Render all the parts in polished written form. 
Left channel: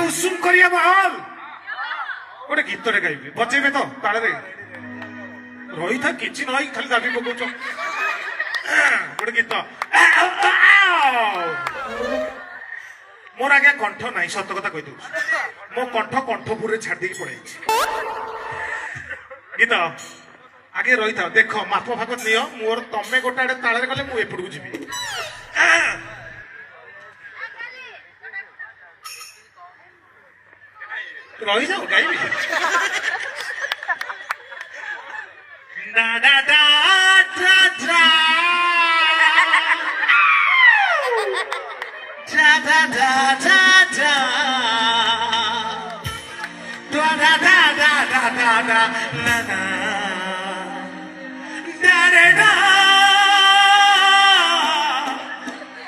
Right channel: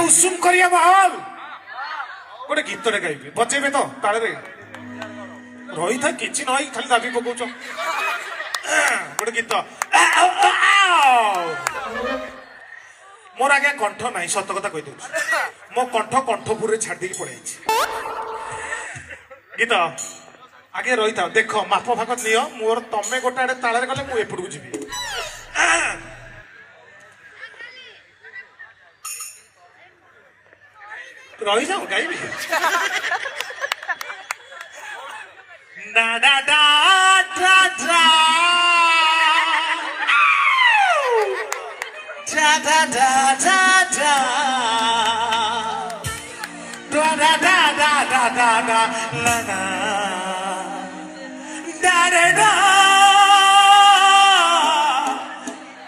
उषुम करिया महल गोटे गीत रे गाइबे बजेबे तो ताळे रे रही था किछि नई खाली दाबी पकोच गोटे गीत मोर आगे कंठ नहीं सत कथा कहि दउछ मो कंठपुर रे छाड़ दे पड़े गीत आगे रही था देख माप फाक नियो मोर तमे गोटे आड़े ताळे रे गले मु एपड़ को जीवी रही जाओ गाइबी da da da da da da da da da da da da da da da da da na na da da da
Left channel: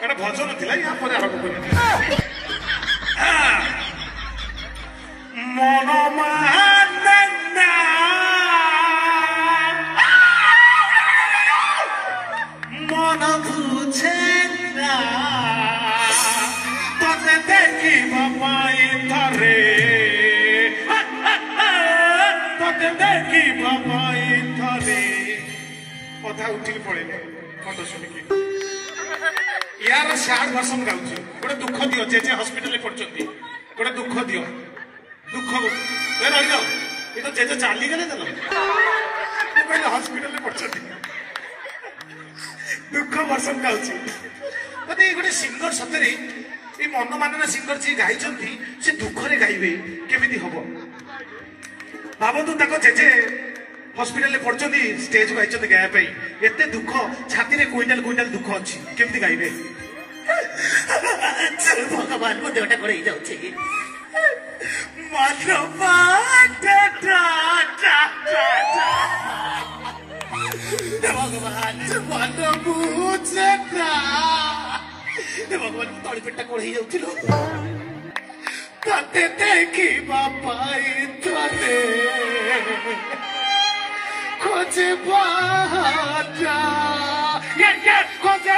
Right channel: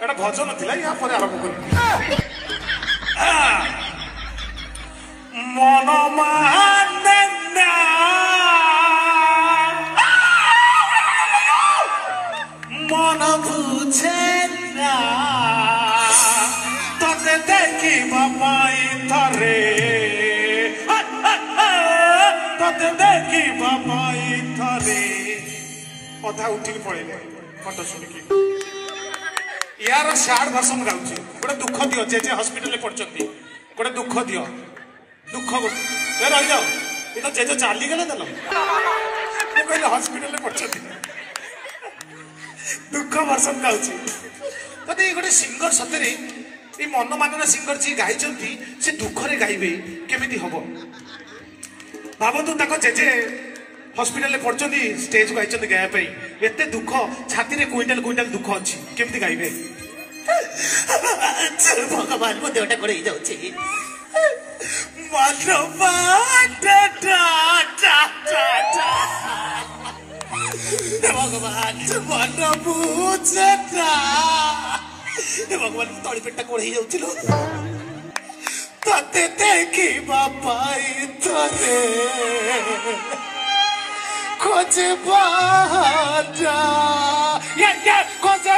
एटा भजन थिला या पर आरंभ करी मन मानना मन बुझे ना तते देखी बापाई थारे तते देखी बापाई थारे अधा उठी पड़े कंठ शुणिकी यार सार भाषण गाउची गोटे दुख दियो जे हॉस्पिटल पड़छंती गोटे दुख दियो दुख रही जाओ ये तो जेजे चाली गले देल कहले हॉस्पिटल पड़छंती दुख भाषण गाउची तते गोटे सिंगर सतरे ये मन मानना सिंगर जी गाइचंती से दुख रे गाइबे केमिति हबो भाबतु ताको जेजे हॉस्पिटल पड़छंती स्टेज को आइचंती गाया पई एते दुख छाती रे क्विंटल क्विंटल दुख अछि केमिति गाइबे चल भगवान मो देवटा करे जाउची मनवा टा टा टा टा भगवान मन बुझता भगवान तली पेटा कोड़ ही जाउछिलो तते देखी बापाई तोरे खोजे बाटा ये खोजे